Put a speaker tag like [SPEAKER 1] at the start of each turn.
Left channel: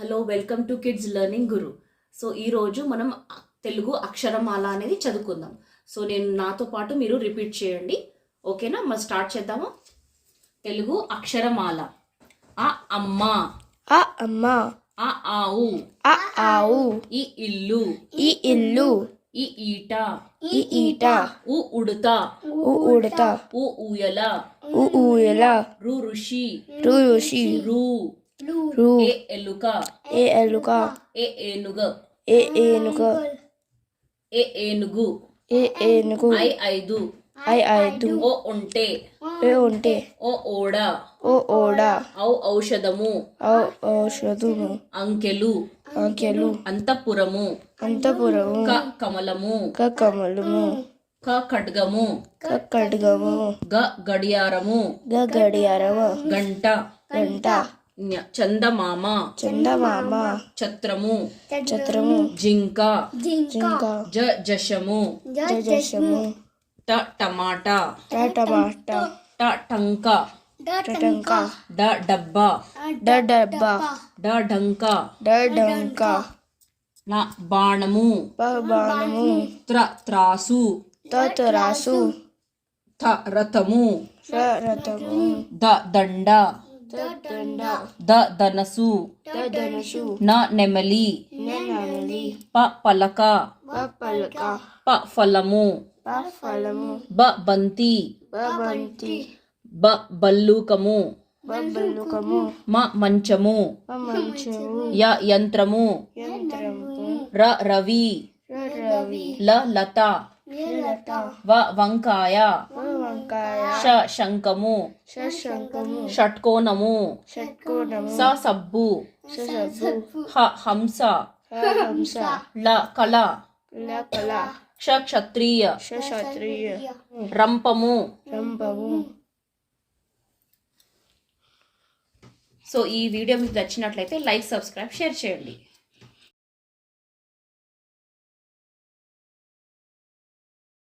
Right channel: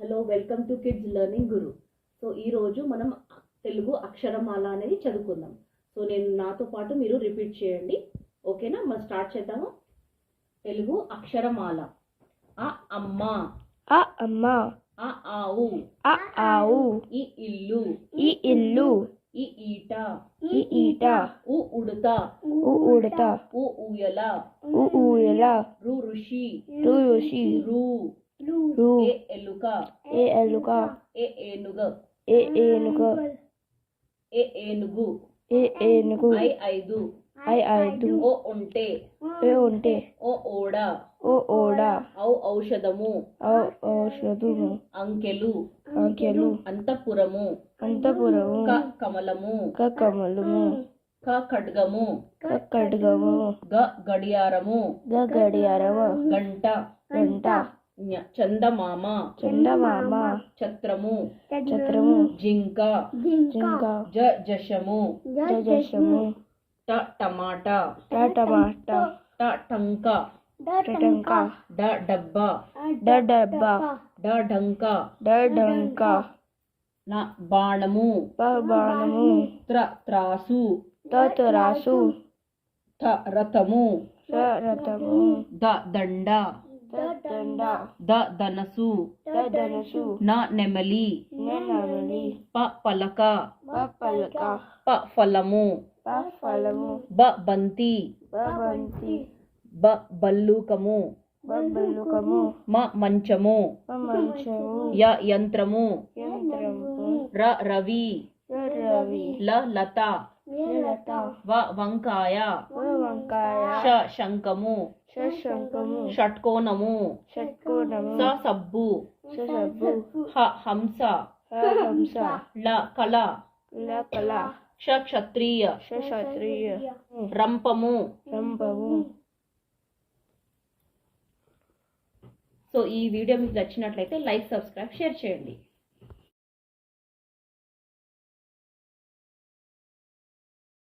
[SPEAKER 1] Hello welcome to kids learning guru. So ఈరోజు మనం తెలుగు అక్షరమాల అనేది చదువుకుందాం. సో నేను నాతో పాటు మీరు రిపీట్ చేయండి. ఓకేనా? మనం స్టార్ట్ చేద్దామా? తెలుగు అక్షరమాల. ఆ అమ్మ.
[SPEAKER 2] ఆ అమ్మ.
[SPEAKER 1] ఆ ఆవు.
[SPEAKER 2] ఆ ఆవు.
[SPEAKER 1] ఈ ఇల్లు.
[SPEAKER 2] ఈ ఇల్లు.
[SPEAKER 1] ఈ ఈట.
[SPEAKER 2] ఈ ఈట.
[SPEAKER 1] ఉ ఉడత.
[SPEAKER 2] ఉ ఉడత.
[SPEAKER 1] ఉ ఊయల.
[SPEAKER 2] ఉ ఊయల.
[SPEAKER 1] రు ఋషి.
[SPEAKER 2] రు ఋషి.
[SPEAKER 1] రు.
[SPEAKER 2] రు
[SPEAKER 1] ఏ ఎలుక
[SPEAKER 2] ఏ ఎలుక
[SPEAKER 1] ఏ ఏనుగ
[SPEAKER 2] ఏ
[SPEAKER 1] ఏ ఏనుగు
[SPEAKER 2] ఏ ఏనుగు
[SPEAKER 1] ఐ ఐదు
[SPEAKER 2] ఐ ఐదు
[SPEAKER 1] ఓ ఒంటె
[SPEAKER 2] ఏ ఉంటే
[SPEAKER 1] ఓ ఓడ
[SPEAKER 2] ఓ ఓడ
[SPEAKER 1] ఔ ఔషధము.
[SPEAKER 2] ఔ ఔషధము.
[SPEAKER 1] అంకెలు.
[SPEAKER 2] అంకెలు.
[SPEAKER 1] అంతఃపురము.
[SPEAKER 2] అంతపురము.
[SPEAKER 1] క కమలము.
[SPEAKER 2] క కమలము.
[SPEAKER 1] క ఖడ్గము.
[SPEAKER 2] క ఖడ్గము.
[SPEAKER 1] గ గడియారము.
[SPEAKER 2] గ గడియారము.
[SPEAKER 1] గంట.
[SPEAKER 2] గంట.
[SPEAKER 1] చందమామ.
[SPEAKER 2] చందమామ.
[SPEAKER 1] ఛత్రము
[SPEAKER 2] ఛత్రము
[SPEAKER 1] జింక.
[SPEAKER 2] జింక.
[SPEAKER 1] జ జశము.
[SPEAKER 2] జజశము.
[SPEAKER 1] ట టమాటా.
[SPEAKER 2] ట టమాటా.
[SPEAKER 1] ట టంక
[SPEAKER 2] టటంక
[SPEAKER 1] డ డబ్బా.
[SPEAKER 2] డ డబ్బా.
[SPEAKER 1] డ డంక.
[SPEAKER 2] డ డంక.
[SPEAKER 1] న బాణము.
[SPEAKER 2] ప బాణము.
[SPEAKER 1] త్ర త్రాసు.
[SPEAKER 2] త తురాసు.
[SPEAKER 1] థ రథము.
[SPEAKER 2] రథము.
[SPEAKER 1] ద దండ.
[SPEAKER 2] ద
[SPEAKER 1] ధనసు న నెమలి ప పలక
[SPEAKER 2] ప
[SPEAKER 1] ఫలము బ బంతి బ బల్లూకము మ మంచము య యంత్రము ర రవి ల లత వంకాయ
[SPEAKER 2] వ వంకాయ
[SPEAKER 1] ష శంఖము షట్కోణము స సబ్బు
[SPEAKER 2] ష సబ్బు
[SPEAKER 1] హ హంస ల కళ క్ష క్షత్రియ రంపము సో ఈ వీడియో మీకు నచ్చినట్లయితే లైక్ సబ్స్క్రైబ్ షేర్ చేయండి.